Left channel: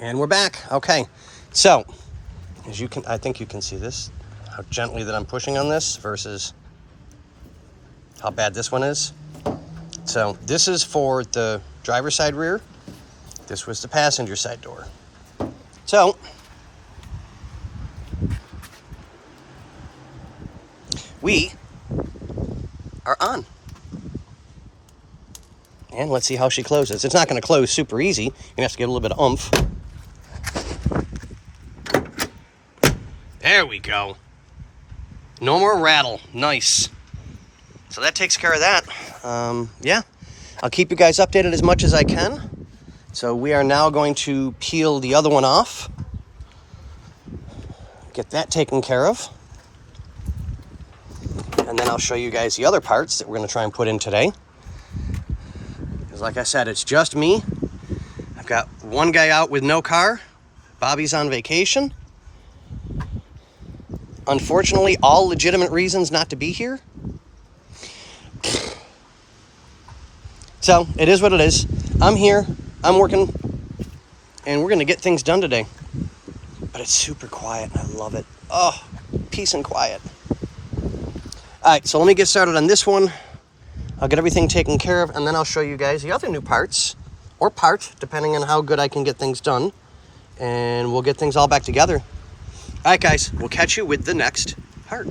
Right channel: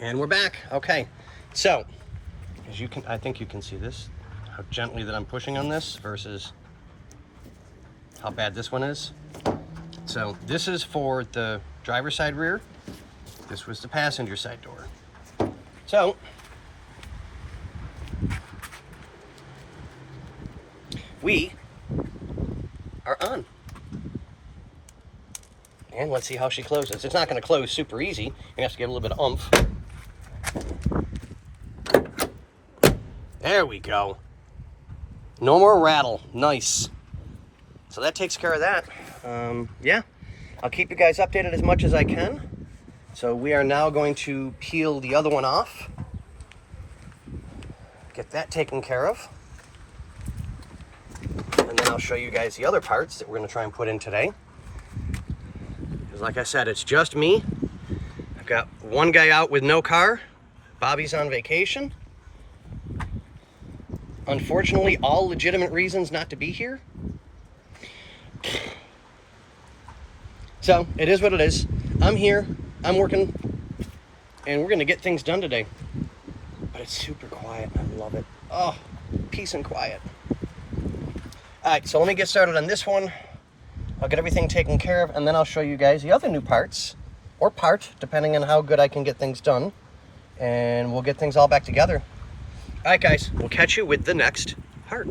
And we're back. Okay, so as you can, I think you can see this, how gently that I'm pushing on this versus how bad this one is. So this is for the driver's side rear. This was the passenger side door. So we are on. And let's see how she closes. It's not going to close super easy. You're going to have to give it a little bit of oomph. There we go. No more rattle. Nice. So that takes care of that. Yeah, I'll keep you guys updated as much as I can. So we are now going to peel the other one off. Get that taken care of. And then I'll show you guys the other parts that we're going to try and put in today. Because like I said, it's just me. I've got one guy out with no car. Bobby's on vacation. Unfortunately, all legitimate reasons not to be here. So it is what it is. I'm here, I'm working, and we're gonna get things done today. But it's super quiet and I love it. Oh, peace and quiet. All right, so let me get started on this one. I'll get everything taken care of, and then I'll show you guys the other new parts, or part, depending on how good I can get things done. And we'll get things all back together. All right, guys, we'll catch you with the next part.